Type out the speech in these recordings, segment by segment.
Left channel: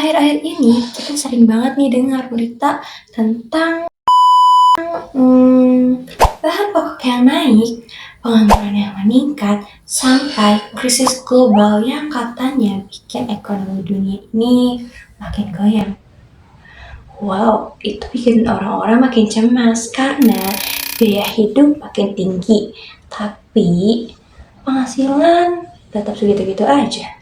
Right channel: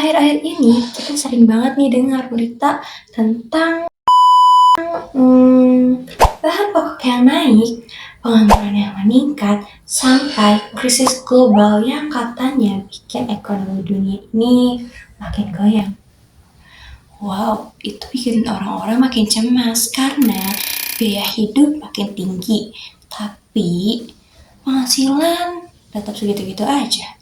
Akhir-akhir ini kita sering banget nih dengar berita tentang bahan pokok yang naik, pengangguran yang meningkat, sampai krisis global yang katanya bikin ekonomi dunia ini makin goyang. Wow, itu bikin orang-orang makin cemas karena biaya hidup makin tinggi, tapi penghasilan tetap segitu-gitu aja.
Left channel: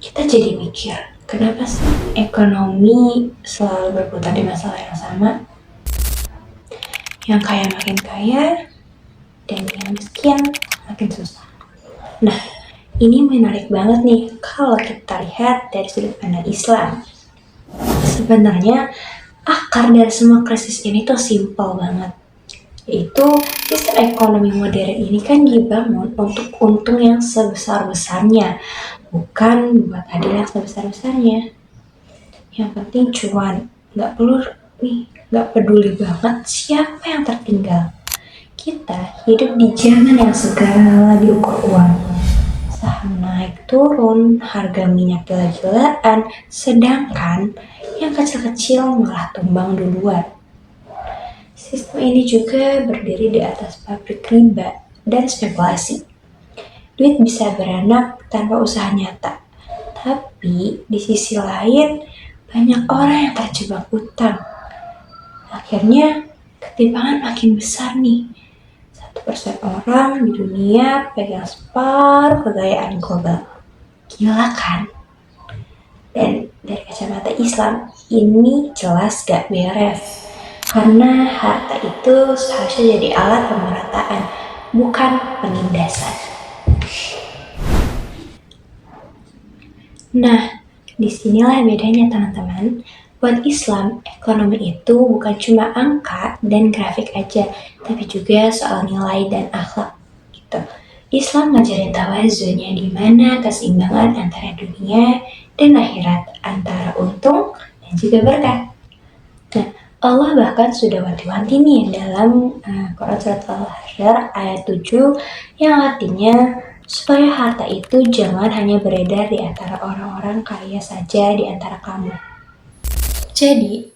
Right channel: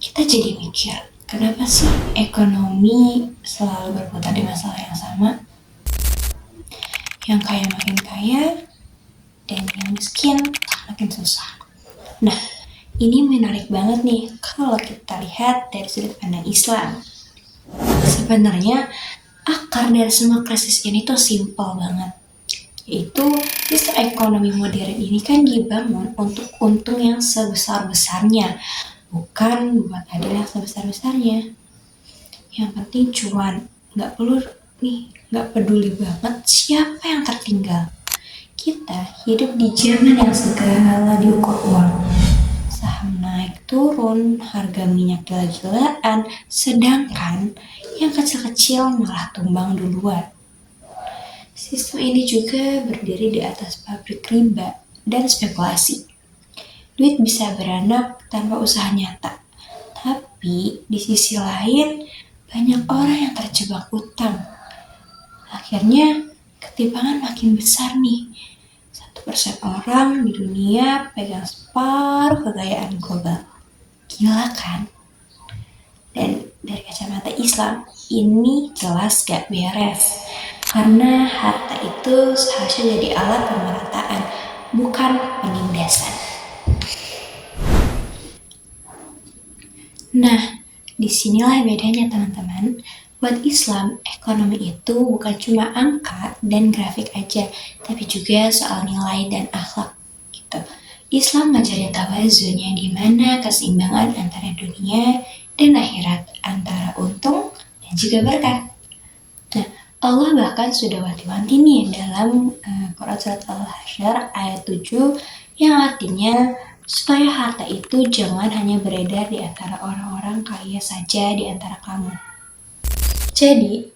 Kita jadi mikir, kenapa sih ekonomi selalu berputar di masalah yang sama? Yang kaya makin kaya, dan yang miskin makin susah. Nah, ini menarik banget nih kalau kita lihat dari sudut pandang Islam. Sebenarnya akar dari semua krisis ini tuh simpel banget, yaitu sistem ekonomi modern ini kan dibangun untuk untung yang sebesar-besarnya, bukan buat adil yang sebesar-besarnya. Yang penting cuan, nggak peduli banget siapa yang tertinggal. Kita hidup di zaman yang segala diukur uang. Saham naik turun, harga minyak gila-gilaan, sedangkan yang kecil-kecil malah tumbang duluan. Sistem ini juga berdiri di atas pabrik riba dan spekulasi. Duit bisa beranak tanpa usaha nyata. Tapi di sisi lain, banyak orang yang terjebak utang. Akhirnya, ketimpangan makin besar nih. 1% orang di dunia pegang separuh kekayaan global. Gila kan? Dan dari kacamata Islam, ini jelas gak beres. Karena harta itu seharusnya jadi alat pemerataan, bukan penindasan. Nah, disinilah bedanya teman-teman. Buat Islam, ekonomi itu bukan cuma angka dan grafik aja, tapi juga soal nilai dan akhlak gitu. Islam ngajarin tawazunnya di mana keseimbangan antara dunia dan akhirat, antara untung dan juga berkah. Nah, Allah bahkan sudah wanti-wanti nih dalam Quran Surat Al-Hasyr ayat 7 yang artinya supaya harta itu jangan hanya beredar di antara orang-orang kaya saja di antara kamu. Jadi,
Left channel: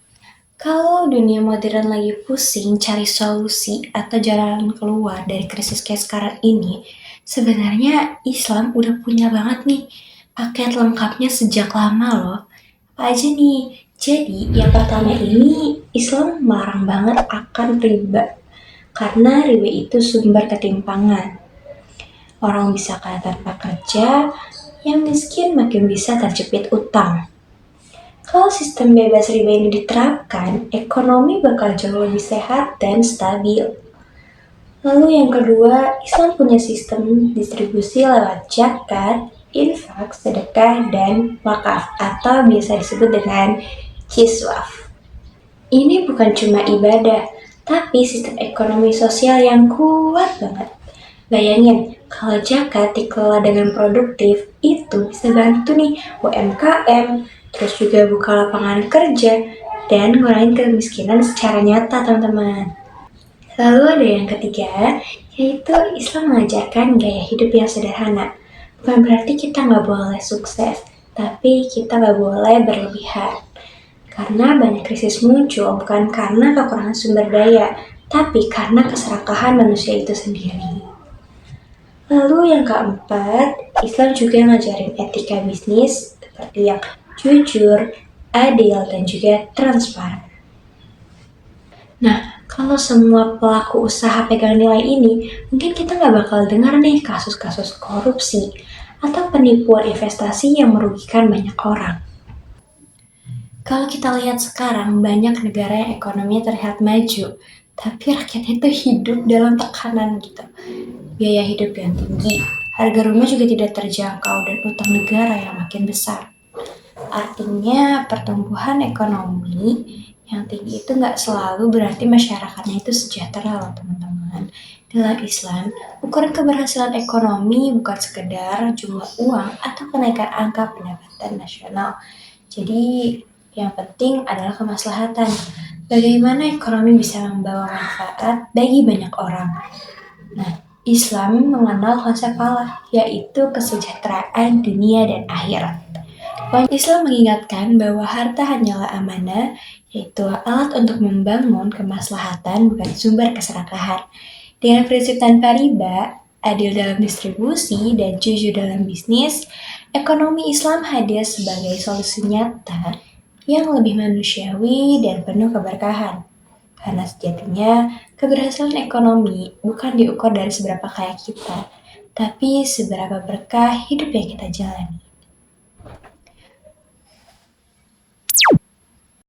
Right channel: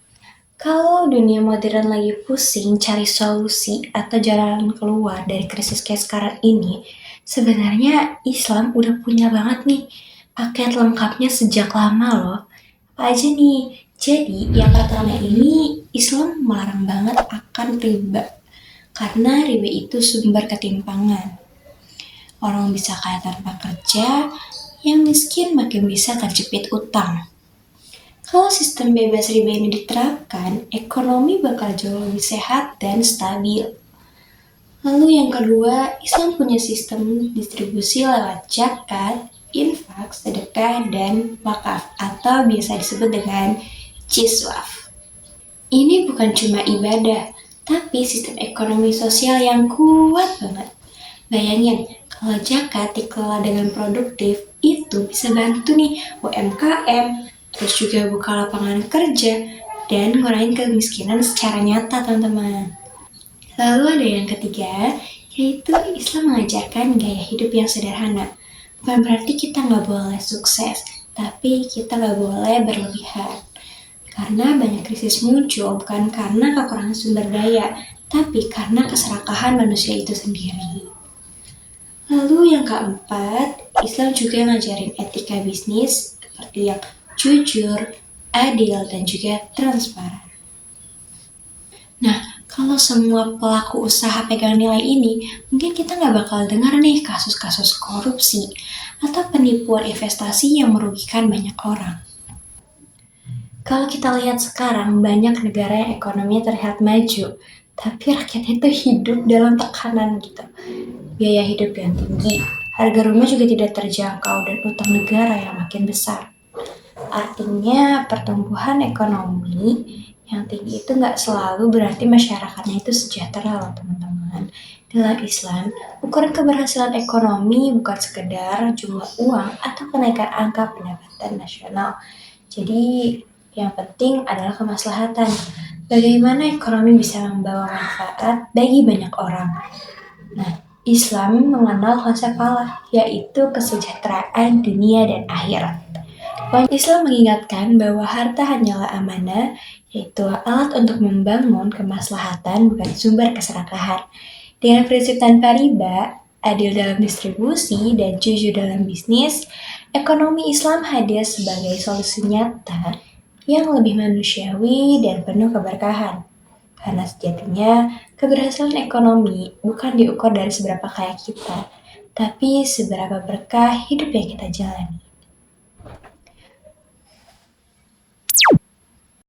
kalau dunia modern lagi pusing cari solusi atau jalan keluar dari krisis kayak sekarang ini, sebenarnya Islam udah punya banget nih paket lengkapnya sejak lama loh. Apa aja nih? Jadi, yang pertama ini Islam melarang banget akan riba. Karena riba itu sumber ketimpangan. Orang bisa kaya tanpa kerja, yang miskin makin bisa terjepit utang. Kalau sistem bebas riba ini diterapkan, ekonomi bakal jauh lebih sehat dan stabil. Lalu yang kedua, Islam punya sistem distribusi lewat zakat, infak, sedekah, dan wakaf atau biasa disebut dengan jiswaf. Ini bukan cuma ibadah, tapi sistem ekonomi sosial yang kuat banget. Bayangin, kalau zakat dikelola dengan produktif, itu bisa bantu nih UMKM, terus juga buka lapangan kerja, dan ngurangin kemiskinan secara nyata teman-teman. Lalu ada yang ketiga, yaitu Islam mengajarkan gaya hidup yang sederhana. Bukan berarti kita nggak boleh sukses, tapi kita nggak boleh berlebihan. Karena banyak krisis muncul bukan karena kekurangan sumber daya, tapi karena keserakahan manusia itu sendiri. Lalu yang keempat, Islam juga ngajarin etika bisnis seperti yang jujur, adil, dan juga transparan. Nah, kalau semua pelaku usaha pegang nilai ini, mungkin kita nggak bakal dengar nih kasus-kasus korupsi atau penipuan investasi yang merugikan banyak orang. Kalau kita lihat sekarang, banyak negara yang ekonominya terlihat maju, tapi rakyatnya itu hidup dalam tekanan gitu. Biaya hidup yang tinggi, harga rumah juga tidak terjangkau, dan utang negara yang makin besar. Artinya pertumbuhan ekonomi yang tinggi itu nggak selalu berarti masyarakatnya itu sejahtera loh teman-teman. Dalam Islam, ukuran keberhasilan ekonomi bukan sekedar jumlah uang atau kenaikan angka pendapatan nasional. Jadi yang penting adalah kemaslahatan. Bagaimana ekonomi bisa membawa manfaat bagi banyak orang. Nah, Islam mengenal konsep falah, yaitu kesejahteraan dunia dan akhirat. Islam mengingatkan bahwa harta hanyalah amanah, yaitu alat untuk membangun kemaslahatan bukan sumber keserakahan. Dengan prinsip tanpa riba, adil dalam distribusi, dan jujur dalam bisnis, ekonomi Islam hadir sebagai solusi nyata yang lebih manusiawi dan penuh keberkahan. Karena sejatinya, keberhasilan ekonomi bukan diukur dari seberapa kaya kita, tapi seberapa berkah hidup yang kita jalani.